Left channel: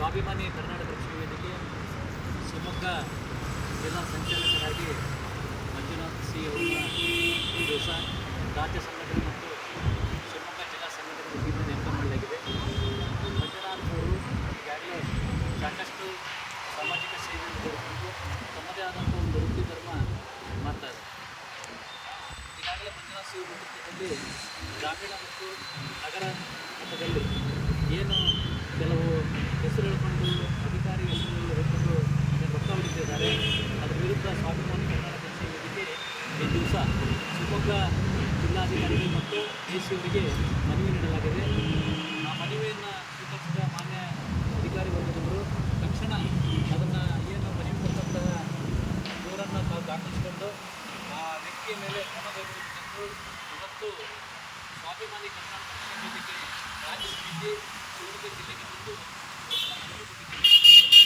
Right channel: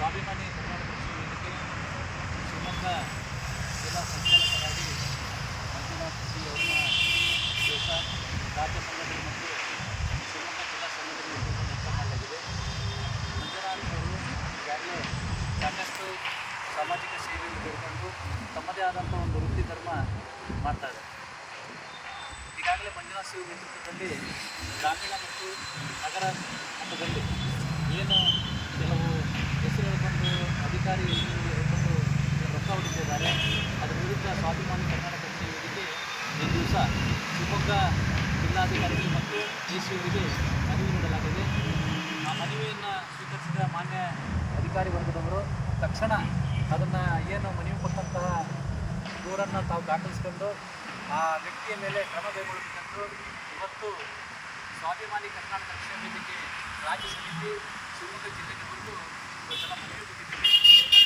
ಸ್ವಾಭಿಮಾನಿ ಕರ್ನಾಟಕ ರಕ್ಷಣಾ ವೇದಿಕೆ ಶಿವಮೊಗ್ಗ ಜಿಲ್ಲಾ ಸಂಚಾಲಕರಾಗಿ ಮಂಜುನಾಥ್ ಸಿ ಅವರ ದಿವಸ ರಾಜ್ಯ ಸಂಘಟನೆ ಮತ್ತು ಶಿವಮೊಗ್ಗ ಜಿಲ್ಲಾ ಸಂಘಟನೆ ವತಿಯಿಂದ ನೇಮಕ ಮಾಡಲಾಗಿದೆ. ಮಂಜುನಾಥ್ ಅವರು ಈಗಾಗಲೇ ಸಾಕಷ್ಟು ಸಾಮಾಜಿಕ ಸೇವೆಯನ್ನು ಕೊಡಿಕೊಂಡು ತಮ್ಮದೇ ಆದಂಥ ಒಂದು ವೃತ್ತಿ ಧರ್ಮ ಮಾಡ್ತಾಯಿದ್ದಾರೆ. ಈಗಾಗಲೇ ಮಂಜುನಾಥ್ ಸಿ ನೇತೃತ್ವದಲ್ಲಿ ಗ್ರಾಮೀಣ ಮತ್ತು ನಗರ ಮಟ್ಟದಲ್ಲಿ ಏನು ಕೆಲವು ಹೆಸರು ಹೇಳ್ಕೊಂಡು ಅಧಿಕಾರಿ ಹೆಸರುಗಳು ಹೇಳ್ಕೊಂಡು ಏನು ರೊಕ್ಕ ಹೊಡಿತಿದ್ದಾರೆ, ಅದರ ವಿರುದ್ಧ ಸ್ವಾಭಿಮಾನಿ ಕರ್ನಾಟಕ ರಕ್ಷಣಾ ವೇದಿಕೆ ಈ ದಿವಸ ಶಿವಮೊಗ್ಗ ಜಿಲ್ಲಾಧಿಕಾರಿಗಳು ಮತ್ತು ಡಿ.ಸಿ ಅವರಿಗೆ ಮನವಿ ನೀಡಲಾಗಿದೆ. ಆ ಮನವಿಯನ್ನು ಸ್ವೀಕರಿಸಿದ ಮಾನ್ಯ ಅಧಿಕಾರಿ ವರ್ಗದವರು ತಕ್ಷಣ ಅದನ್ನು ಏನು ಮನವಿ ಕೊಟ್ಟಂತಹ ದೂರನ್ನು ತಾವು ದಾಖಲಿಸಿಕೊಂಡು ಆ ವ್ಯಕ್ತಿಯ ಮೇಲೆ ಕ್ರಮ ಕೈಗೊಳ್ಳಬೇಕೆಂದು ಇವತ್ತು ಸ್ವಾಭಿಮಾನಿ ಕರ್ನಾಟಕ ರಕ್ಷಣಾ ವೇದಿಕೆ ರಾಜ್ಯ ಸಮಿತಿ ಶಿವಮೊಗ್ಗ ಜಿಲ್ಲೆಗೆ ಬಂದು ಇವತ್ತನ್ನು ಮನವಿ ಕೊಟ್ಟಿದ್ದೀವಿ.